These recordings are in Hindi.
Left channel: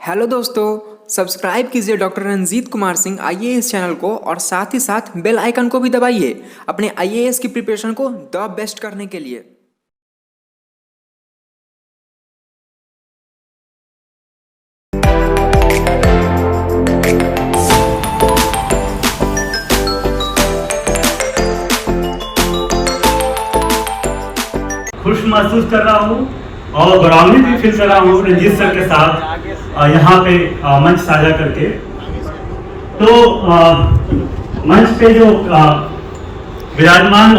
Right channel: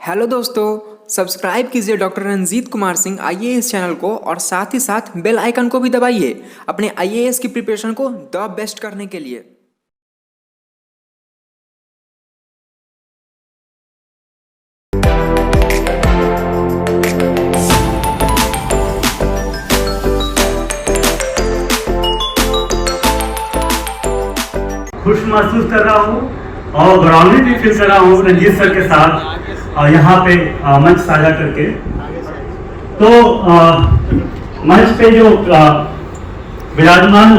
हेलो दोस्तों, सब्सक्राइब कीजिए doctor Ranjit Kumar Singh IAS channel को और साथ ही साथ बेल आइकन को भी दबाइए अपने आईएएस की प्रिपरेशन को द बेस्ट करने के लिए। खुश महसूस कर रहा हूँ और गौरवान्वित भी फील कर रहा हूँ रंजीत सर के साथ यहाँ पे मंच साझा करके। तो मंच पे जो विराजमान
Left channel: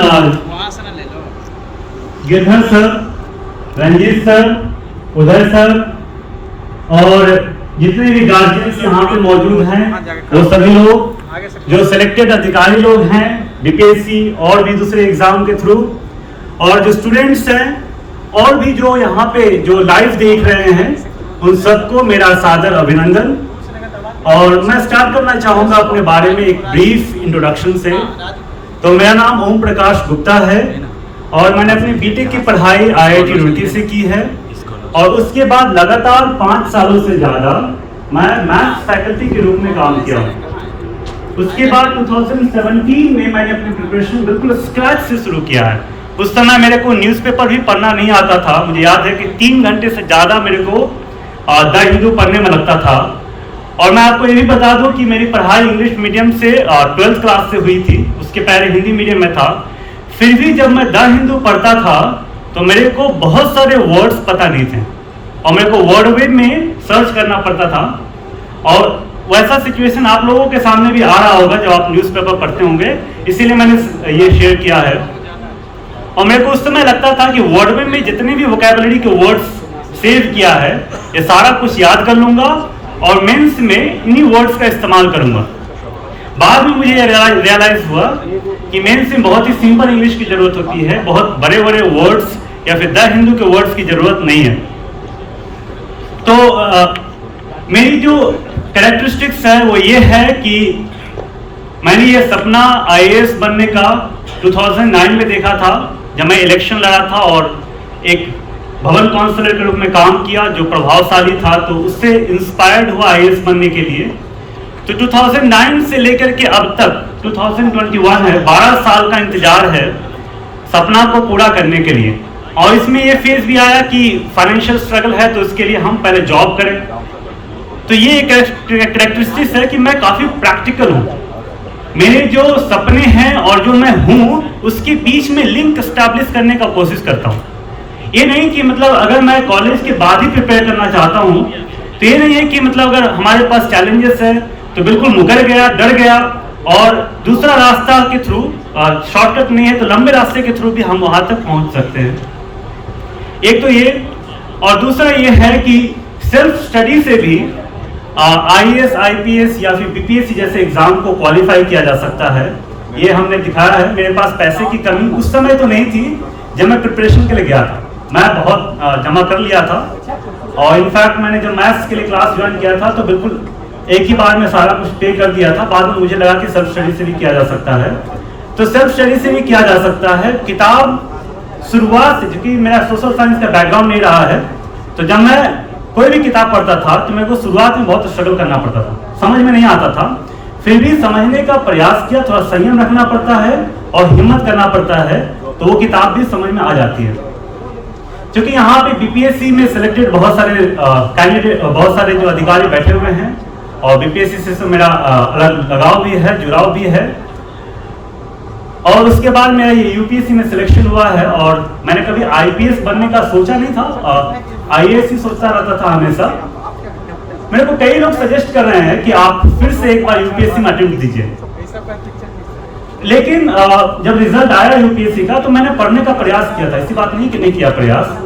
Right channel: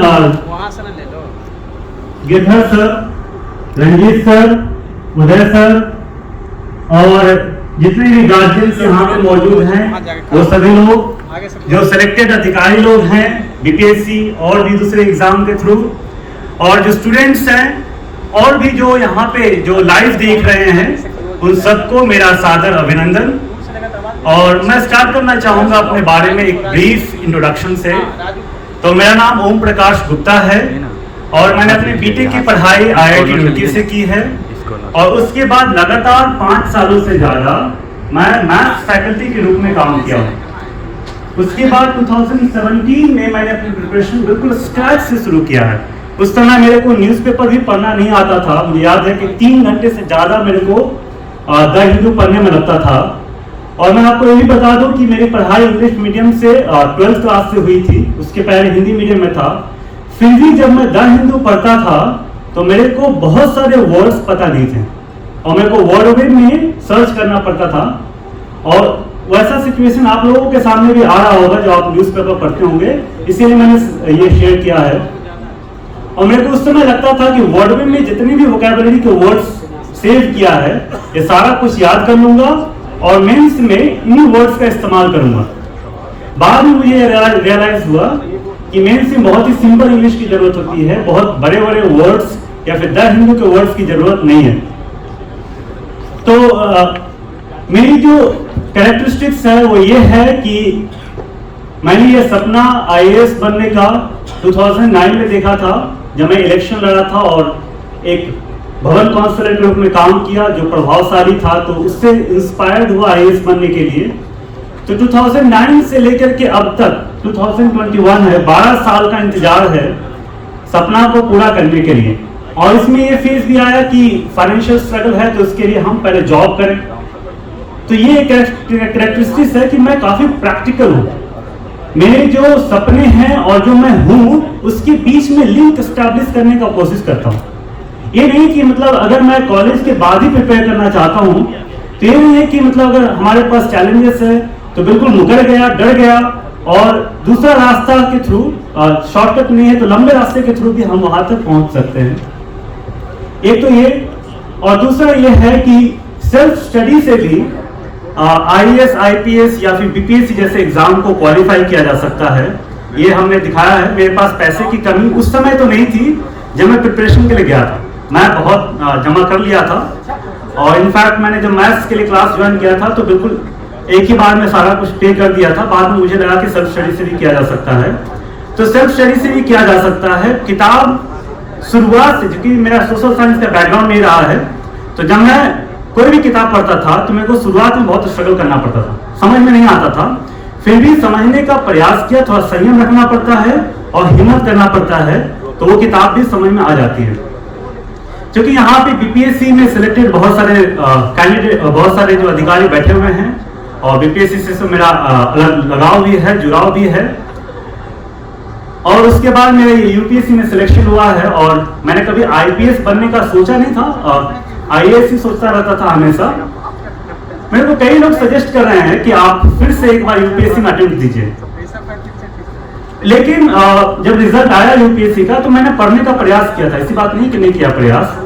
गिरधर सर, रंजीत सर, उदय सर और जितने भी गार्जियंस यहाँ पे मौजूद हैं वो सभी लोग जो सिलेक्टेड अधिकारी लोग हैं बीपीएससी और भी दूसरे एग्जाम के थ्रू, और जो स्टूडेंट्स हैं और भी जो यहाँ पे जो लाइव देख रहे हैं, उन सबको मेरा सादर अभिनंदन। और मैं स्टार्ट करना चाहूँगा अपने बारे में एक ब्रीफ इंट्रोडक्शन से। तो मेरा नाम ओम प्रकाश गुप्ता है और मैंने अपनी बीटेक की पढ़ाई आईआईटी रुड़की से की है और उसके बाद लगातार 5 सालों से ज़्यादा मैं मैथ्स फैकल्टी के रूप में काम किया हूँ। उसके बाद 2017 में मैंने अपनी प्रिपरेशन बिल्कुल स्क्रैच से शुरू किया है। उस समय मेरे को न्यूज़पेपर भी पढ़ना नहीं आता था। मुझे याद है कि 3 घंटे से ज़्यादा मेरे को द हिंदू पढ़ने में लगता था। और मैं आपको ये भी बता दूं कि मेरी पढ़ाई इंग्लिश मीडियम से 12th क्लास से हुई थी, उसके पहले हिंदी मीडियम में था। फिर भी जब मैं द हिंदू पढ़ता था तो मेरे को बहुत सारे वर्ड्स पता नहीं थे और मेरे को वर्डवेब में सर्च करना पड़ता था। और वैसा सिचुएशन आप लोगों के सामने भी आ रहा होगा जब आप न्यूज़पेपर पढ़ते होंगे, इसीलिए मैंने ये शेयर किया है। और मेरे को उस समय लगता था कि वर्डवेब में जितने भी वोकैबुलरी के वर्ड्स सेव किया है ये सारा कुछ याद कर लूंगा और मेंस में इन्हीं वर्ड्स का इस्तेमाल करूंगा। बाद में मुझे रियलाइज हुआ कि मेंस में बहुत ही सिंपल इंग्लिश की जरूरत होती है, बहुत बड़े बड़े वर्ड्स या फिर द हिंदू के वर्ड्स की जरूरत नहीं है। तो मेरी जो कैरेक्टरिस्टिक्स है वो ये है कि मैंने ये सपना आईएएस बनने का 2009 में देखा था जब मैं इलेक्शन लड़ा था और एक भवन काउंसलर के रूप में काम किया जो प्रभावशाली था, तो उससे इंस्पायर्ड हुआ आईएएस बनने के लिए। तो 2009 से लेकर के अब तक 2021 है, 12 साल का इंतजार है सपना को पूरा करने के लिए। और इसमें ये फेज भी आया कि फाइनेंशियल स्ट्रगल है तो इसके लिए हम पहले जॉब करें। तो ये एक कैरेक्टरिस्टिक्स है कि मैं काफी प्रैक्टिकल हूँ। मेरे जो सपने हैं और जो मैं हूँ उसके बीच में लिंक एस्टैब्लिश करने का कोशिश करता हूँ। ये नहीं कि मतलब अगर मैं कॉलेज के बाद ही प्रिपेयर करना चाहता हूँ तो ये नहीं है कि मतलब अगर हमारे पास चैलेंजेस है तो बिल्कुल मुकर गया, डर गया और दूसरा रास्ता के थ्रू, शॉर्टकट नहीं है तो लंबे रास्ते के थ्रू भी हम वहां तक पहुंच सकते हैं। एक तो ये, और दूसरा ये है कि सेल्फ स्टडी से भी आईएएस, आईपीएस या फिर बीपीएससी जैसे एग्जाम को क्वालिफाई किया जा सकता है। ये हमने दिखाया है। मेरे पास पैसे की कमी उस समय तो नहीं थी जब मैं प्रिपरेशन के लिए गया था, मैं बहुत जमा कर लिया था और इनफैक्ट मैंने जब मैथ्स के लिए क्लास ज्वाइन किया था तो बिल्कुल एक ही बार में सारा कुछ पे कर दिया था। बाद में मुझे लगा कि सेल्फ स्टडी से भी किया जा सकता है, तो सेल्फ स्टडी से भी किया जा सकता है। किताब शुरुआत से, क्योंकि मेरा सोशल साइंस का बैकग्राउंड नहीं रहा है, तो जब मैं कोई भी किताब पढ़ता था तो मेरे को शुरुआत में बहुत स्ट्रगल करना पड़ता था, समझ में नहीं आता था। फिर भी समझने का प्रयास किया, थोड़ा संयम रखना पड़ता है और हिम्मत करना पड़ता है, तो वो किताब भी समझ में आ जाती है। क्योंकि यहाँ पे बीपीएससी में सिलेक्टेड बहुत सारे कैंडिडेट, बहुत सारे जो अधिकारी बैठे हुए हैं और बीपीएससी से तो मेरा अलग लगाव भी है, जुड़ाव भी है। और उसके बाद मेरा ये यूपीएससी में सिलेक्शन हुआ है और मैंने कभी आईपीएस बनने का सोचा नहीं था, आईएएस ही सोचता रहता था हमेशा। मेरे को कई लोग सजेस्ट कर रहे हैं कि आप फिर से एक बार यूपीएससी में अटेम्प्ट दीजिए, लेकिन जब रिजल्ट आया यूपीएससी का तो मैंने पढ़ने का प्रयास किया था, ऐसी बात नहीं कि नहीं किया प्रयास।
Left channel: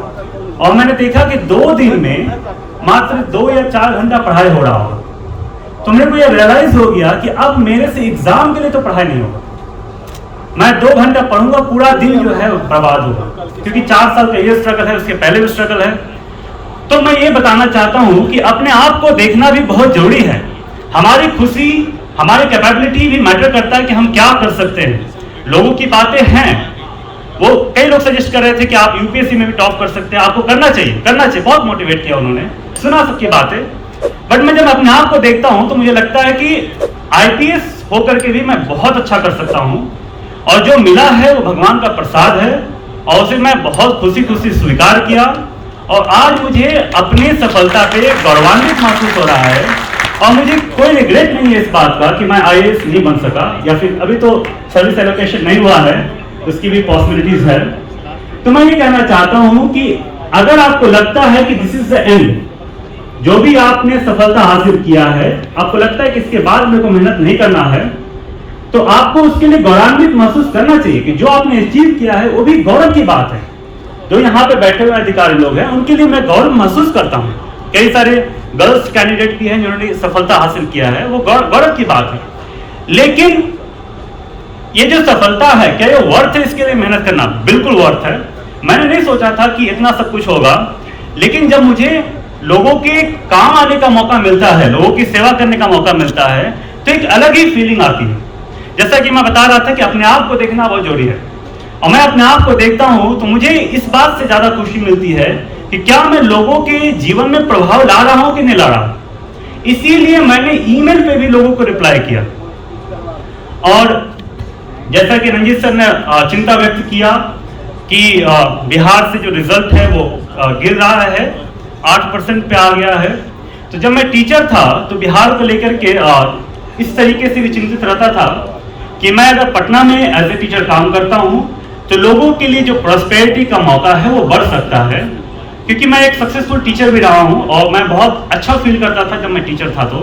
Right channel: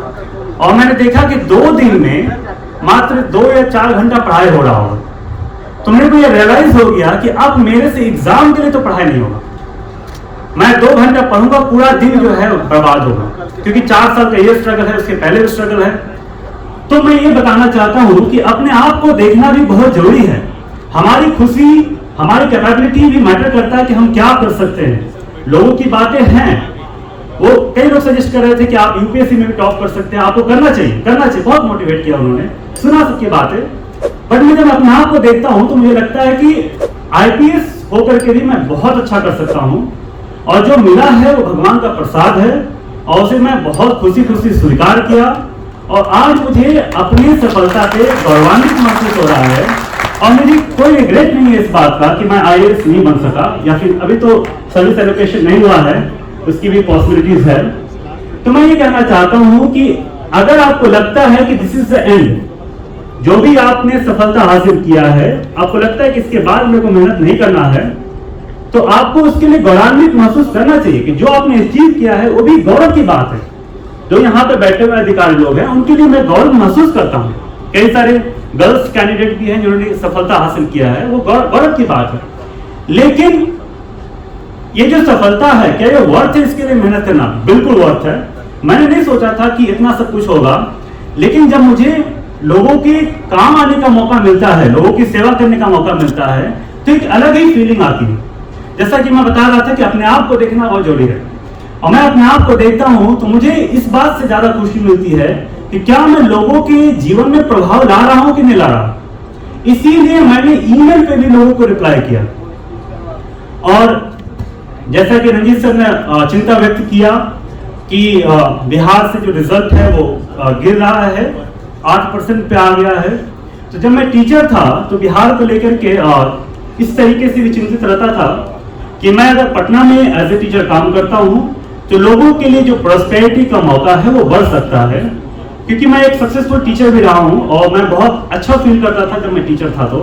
और मैंने देखा कि 2 दिन में मात्र 2 या 4 घंटा पढ़ाई हो रहा होगा। तो मेरे को यह रियलाइज हो गया कि अब मेरे से एग्जाम के लिए तो पढ़ाई नहीं होगा। मैं 2 घंटा पढ़ूंगा, पूरा दिन जो है बर्बाद होगा, क्योंकि 4 साल का ये स्ट्रगल है, उसके पहले भी स्ट्रगल है। तो मैं ये बताना चाहता हूं कि अपने आप को देखना भी बहुत जरूरी है। हमारी खुशी, हमारी कैपेबिलिटी भी मैटर करता है कि हम क्या कर सकते हैं। लोगों की बातें हैं, वो कई लोग सजेस्ट कर रहे थे कि आप यूपीएससी में भी टॉप कर सकते हैं, आपको करना चाहिए, बहुत मोटिवेट किया उन्होंने, सुना सबकी बातें। बट मैं जब अपने आप को देखता हूं तो मुझे लगता है कि आईपीएस होकर के भी मैं बहुत अच्छा कर सकता हूं, और जो मिला है वो भगवान का प्रसाद है, और उसे मैं बहुत खुशी खुशी स्वीकार किया, और आज मुझे अपनी सफलता पे गौरवान्वित महसूस हो रहा है, और मुझे कोई रिग्रेट नहीं है इस बात का कि मैं आईएएस नहीं बन सका, या फिर अभी तो सर्विस एलोकेशन नहीं हुआ है, उसकी भी पॉसिबिलिटीज है। तो मैं ये कहना चाहता हूं कि अगर आपको लगता है कि दिस इज द एंड, जो भी आपने सफलता हासिल किया है, आपको लगता है कि इसके बाद मेरे को मेहनत नहीं करना है, तो आपको उसके लिए गौरवान्वित महसूस करना चाहिए कि जो आपने अचीव किया है वो भी गौरव की बात है। जो यहाँ पे बैठे हुए अधिकारी लोग हैं उनके लिए मैं गौरव महसूस करता हूँ। कई सारे गर्ल्स कैंडिडेट भी हैं जिन्होंने सफलता हासिल किया है, वो गौरव की बात है। लेकिन ये जो सफलता है, क्या ये वर्थ है इसके लिए मेहनत करना? बिल्कुल वर्थ है। मैंने नहीं सोचा था कि इतना सब कुछ होगा, लेकिन जब मुझे लोगों के काम आने का मौका मिलता है, लोगों की सेवा करने का मौका मिलता है, तो एक अलग ही फीलिंग आती है। जैसा कि मैं बता रहा था कि अपने आप को देखना बहुत जरूरी है, और मैं अपने आप को देखता हूं तो मुझे इस बात से ज्यादा खुशी मिलती है कि क्या मैं लोगों के जीवन में प्रभाव ला रहा हूं कि नहीं ला रहा हूं। इसीलिए मैंने ईमेल पे भी लोगों को रिप्लाई किया, और जैसा कि रंजीत सर ने चिंता व्यक्त किया कि बिहार से जो रिजल्ट है वो गिर रहा है, 8% पे आ गया है। तो जब मैं टीचर था तो बिहार को लेकर के इस तरीके से भी चिंतित रहता था कि मैं अगर पटना में एज ए टीचर काम करता हूं तो लोगों के लिए जो प्रॉस्पेरिटी का मौका है वो बढ़ सकता है, क्योंकि मैं एक सक्सेसफुल टीचर भी रहा हूं, और मैं बहुत अच्छा फील करता था जब मैं टीचर था। तो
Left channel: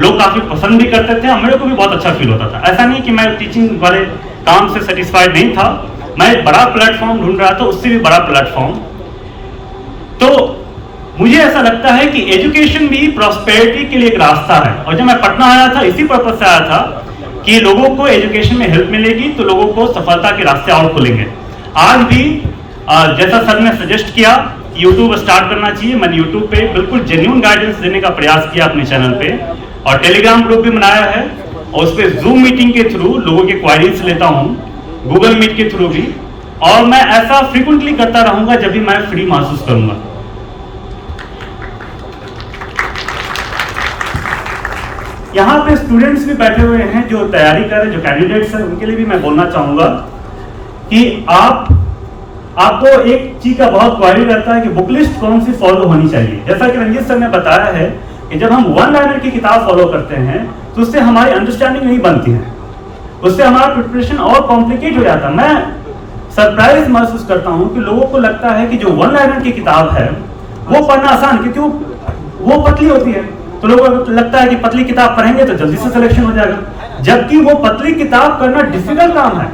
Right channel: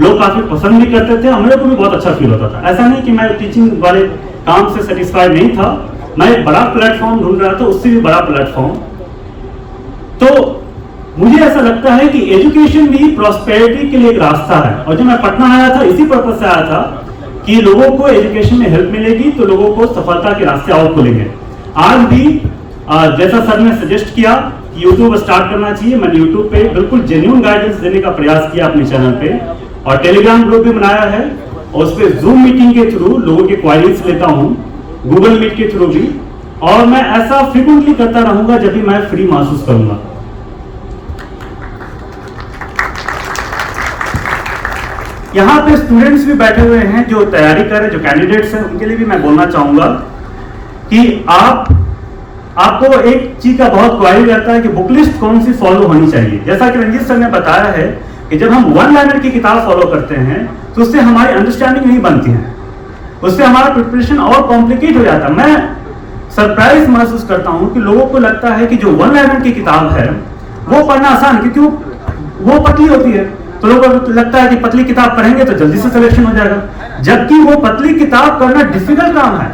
लोग काफी पसंद भी करते थे, और मेरे को भी बहुत अच्छा फील होता था। ऐसा नहीं कि मैं टीचिंग वाले काम से सेटिस्फाइड नहीं था, मैं एक बड़ा प्लेटफॉर्म ढूंढ रहा था, उससे भी बड़ा प्लेटफॉर्म। तो मुझे ऐसा लगता है कि एजुकेशन भी प्रॉस्पेरिटी के लिए एक रास्ता है, और जब मैं पटना आया था इसी पर्पज से आया था कि लोगों को एजुकेशन में हेल्प मिलेगी तो लोगों को सफलता के रास्ते और खुलेंगे। आज भी जैसा सर ने सजेस्ट किया कि यूट्यूब स्टार्ट करना चाहिए, मैंने यूट्यूब पे बिल्कुल जेन्युइन गाइडेंस देने का प्रयास किया अपने चैनल पे, और टेलीग्राम ग्रुप भी बनाया है, और उस पर जूम मीटिंग के थ्रू लोगों के क्वारीज लेता हूँ, गूगल मीट के थ्रू भी, और मैं ऐसा फ्रीक्वेंटली करता रहूंगा जब भी मैं फ्री महसूस करूंगा। यहाँ पे स्टूडेंट्स भी बैठे हुए हैं जो तैयारी कर रहे हैं, जो कैंडिडेट्स हैं, उनके लिए भी मैं बोलना चाहूंगा कि आपको एक चीज का बहुत क्वारी रहता है कि बुक लिस्ट कौन सी फॉलो होनी चाहिए। जैसा कि रंजीत सर ने बताया है कि जब हम वन लाइनर की किताब फॉलो करते हैं तो उससे हमारी अंडरस्टैंडिंग नहीं बनती है, उससे हमारा प्रिपरेशन और कॉम्प्लिकेट हो जाता है। मैं सरप्राइज महसूस करता हूं कि लोगों को लगता है कि जो वन लाइनर की किताब है वो पढ़ना आसान, क्योंकि वो पतली होती है, तो लोगों को लगता है कि पतली किताब पढ़ेंगे तो जल्दी से सिलेक्शन हो जाएगा, जबकि वो पतली किताब करना डिफिकल्ट काम है।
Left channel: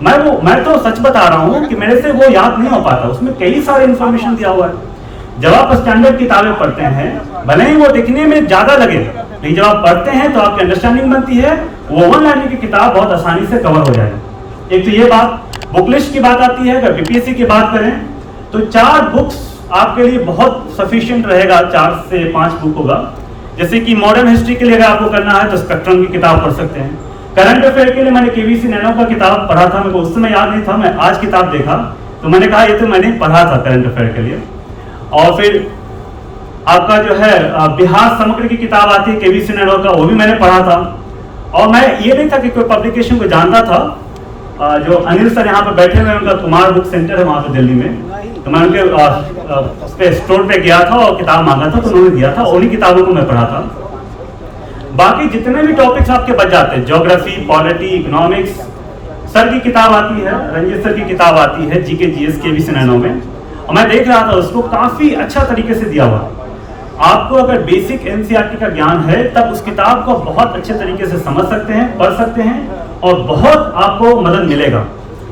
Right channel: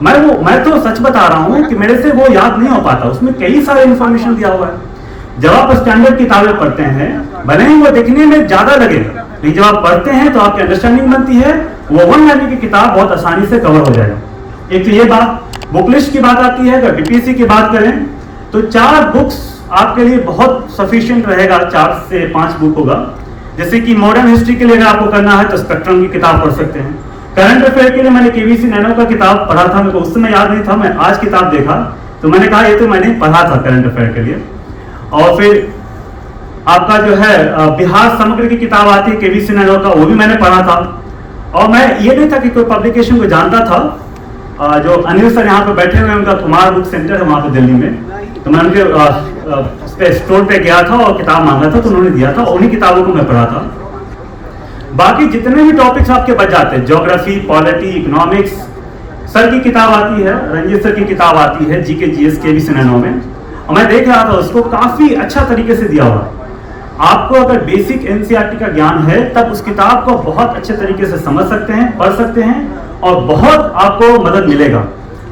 मैं तो सच बता रहा हूं कि मेरे से वो याद नहीं हो पाता, उसमें कई सारे इंफॉर्मेशन दिया हुआ है। जब आप स्टैंडर्ड किताबें पढ़ते हैं, भले ही वो दिखने में ज्यादा लगे, लेकिन जब आप पढ़ते हैं तो आपकी अंडरस्टैंडिंग बनती है, वो वन लाइनर की किताब बहुत आसानी से कवर हो जाएगा। एक तो ये बात, बुक लिस्ट की बात आती है। अगर बीपीएससी की बात करें तो 4 बुक्स आपके लिए बहुत सफिशिएंट रहेगा, 4 से 5 बुक होगा। जैसे कि मॉडर्न हिस्ट्री के लिए अगर आपको करना है तो स्पेक्ट्रम की किताब पढ़ सकते हैं। करंट अफेयर के लिए मैंने केवीसी नैनो का किताब पढ़ा था, मेरे को उस समय याद नहीं था, मैं आज किताब देखा तो मैंने कहा ये तो मैंने पढ़ा था करंट अफेयर के लिए। और फिर आपका जो है बिहार समग्र की किताब आती है केवीसी नैनो का, वो भी मैंने पढ़ा था। और मैं ये नहीं था कि कोई पब्लिकेशन को जानता था, जो अनिल सर यहाँ पे बैठे हुए हैं, उनका कुमार बुक सेंटर है वहां पे दिल्ली में, तो मैं उनके स्टोर पे गया था और किताब मांगा था तो उन्होंने दिया था, उन्हीं किताबों को मैं पढ़ा था। बाकी जितने भी टॉपिक्स आपके बच जाते हैं, ज्योग्राफी, पॉलिटी, इकोनॉमिक्स, सर की किताब आती है, रंजीत सर की किताब आती है जीके जीएस केवीसी नैनो में, और मैं देख रहा था उसको काफी अच्छा तरीके से दिया हुआ है। आपको अगर बेसिक एनसीईआरटी का ज्ञान है तब उस किताब को बहुत अच्छे तरीके से समझ सकते हैं, पढ़ सकते हैं, और बहुत आपको मदद मिलेगा।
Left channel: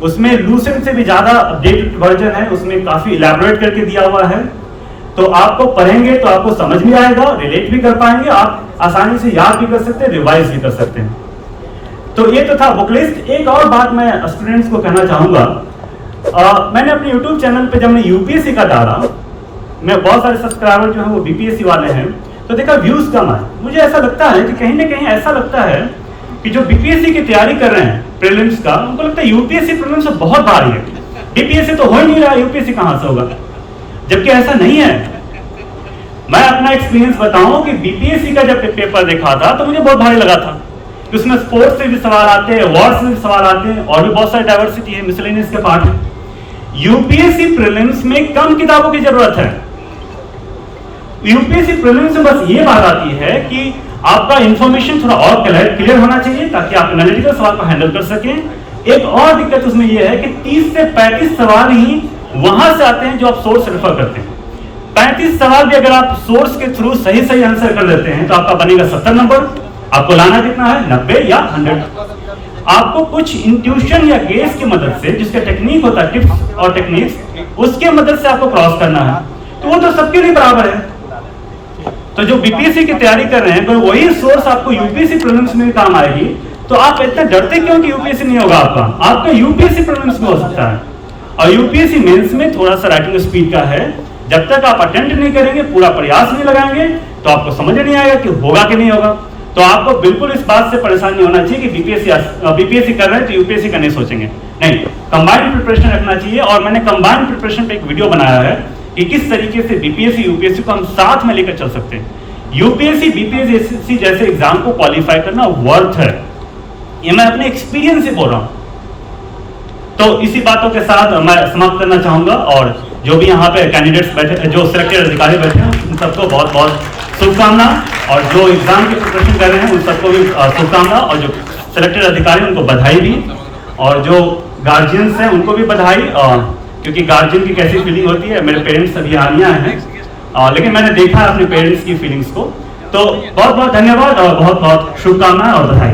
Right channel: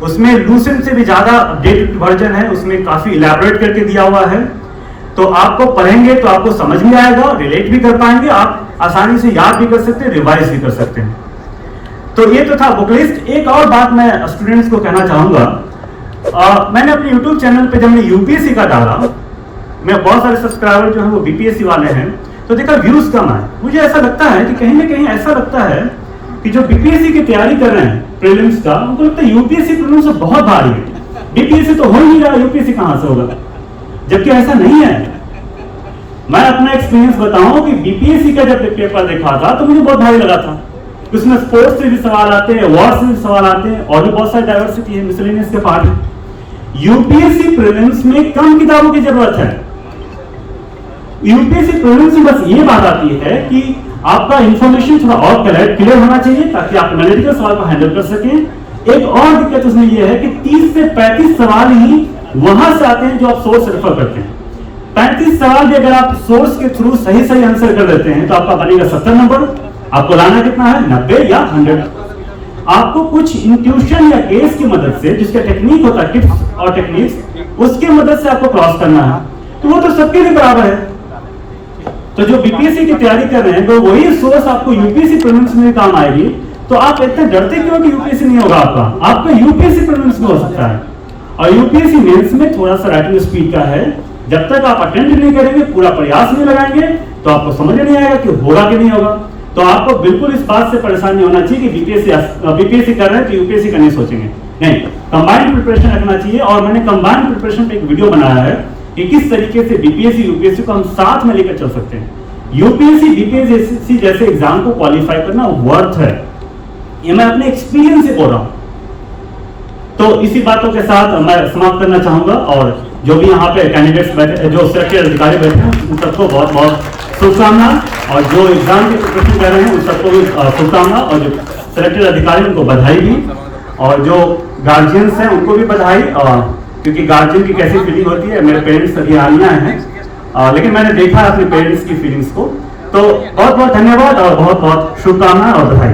उसमें लूसेंट से भी ज्यादा अपडेटेड वर्जन है, उसमें काफी इलैबोरेट करके दिया हुआ है, तो आपको पढ़ेंगे तो आपको समझ भी आएगा, रिलेट भी कर पाएंगे, आप आसानी से याद भी कर सकते हैं, रिवाइज भी कर सकते हैं। तो ये तो था बुक लिस्ट। एक और बात मैं स्टूडेंट्स को कहना चाहूंगा, मैंने अपने यूट्यूब चैनल पे जब मैं यूपीएससी का डाला, मैं बहुत सारे सब्सक्राइबर जो है वो बीपीएससी वाले हैं, तो देखा व्यूज कम आए। मुझे ऐसा लगता है कि कहीं ना कहीं ऐसा लगता है कि जो बीपीएससी की तैयारी कर रहे हैं प्रीलिम्स का, उनको लगता है यूपीएससी प्रीलिम्स से बहुत भारी है, बीपीएससी तो हो ही नहीं रहा, यूपीएससी कहां से होगा, जबकि ऐसा नहीं है। मैं अपना एक्सपीरियंस बताऊं कि बीपीएससी का जब पेपर देखा था तो मुझे बहुत भारी लगा था। उसमें स्पोर्ट्स से भी सवाल आते हैं, वॉर्स से भी सवाल आते हैं, और भी बहुत सारी डाइवर्सिटी है, मिसलेनियस के पार्ट है। यूपीएससी प्रीलिम्स में कम किताबों की जरूरत है। यूपीएससी प्रीलिम्स में बस ये बात आती है कि आपका इंफॉर्मेशन थोड़ा और क्लियर होना चाहिए ताकि आप एनालिटिकल सवाल को हैंडल कर सकें। एक और दिक्कत उसमें यह है कि 30 से 35 सवाल ही वहां से आते हैं जो आप सोर्स रेफर करते हैं। 35 सवाल भी अगर आप सोर्स के थ्रू सही आंसर कर देते हैं तो आपका बनेगा 70 नंबर। आपको लाना कितना है, 90 या 100। आपको कुछ इंट्यूशन या गेस की मदद से, जिसका टेक्निक होता है, टिप्स और टेक्निक्स, उसके मदद से आपको क्रॉस करना है। तो वो तो सबके लिए बराबर है। तो जो बीपीएससी की तैयारी कर रहे हैं तो वही सोर्स आपको यूपीएससी प्रीलिम्स में भी काम आएगी। तो आप इतना डरते क्यों कि यूपीएससी नहीं होगा आपका यूपीएससी प्रीलिम्स में हो सकता है। और यूपीएससी मेंस में थोड़ा सा राइटिंग स्पीड का है। जब तक आप अटेम्प्ट नहीं करेंगे, पूरा प्रयास नहीं लगाएंगे, तो आपको समझ नहीं आएगा कि होगा कि नहीं होगा। तो आपको बिल्कुल इस बात से परेशान नहीं होना चाहिए कि बीपीएससी कर रहे हैं तो यूपीएससी का नहीं सोचेंगे। नहीं, कंबाइंड प्रिपरेशन रखना चाहिए। और मैंने कंबाइंड प्रिपरेशन पे एक वीडियो बनाया है कि किस तरीके से बीपीएससी यूपीएससी को हम साथ में लेकर चल सकते हैं। यूपीएससी बीपीएससी जैसे एग्जाम को क्वालिफाई करना वर्थ है, ये मैं अपने एक्सपीरियंस से बोल रहा हूं। तो इसी बातों के साथ मैं समाप्त करना चाहूंगा। और जो भी यहाँ पे कैंडिडेट्स बैठे, जो सिलेक्टेड अधिकारी बैठे हैं, उन सबको बहुत बहुत शुभकामना। और जो एग्जाम की प्रिपरेशन कर रहे हैं उन सबको भी शुभकामना। और जो सिलेक्टेड अधिकारी उनको बधाई भी, और जो गार्जियंस हैं उनको भी बधाई। क्योंकि गार्जियन की कैसी फीलिंग होती है, मेरे पेरेंट्स अभी आने आए हैं, लेकिन मैंने देखा अपने पेरेंट्स की फीलिंग्स को। तो बहुत बहुत धन्यवाद और बहुत बहुत शुभकामनाएं और बधाई।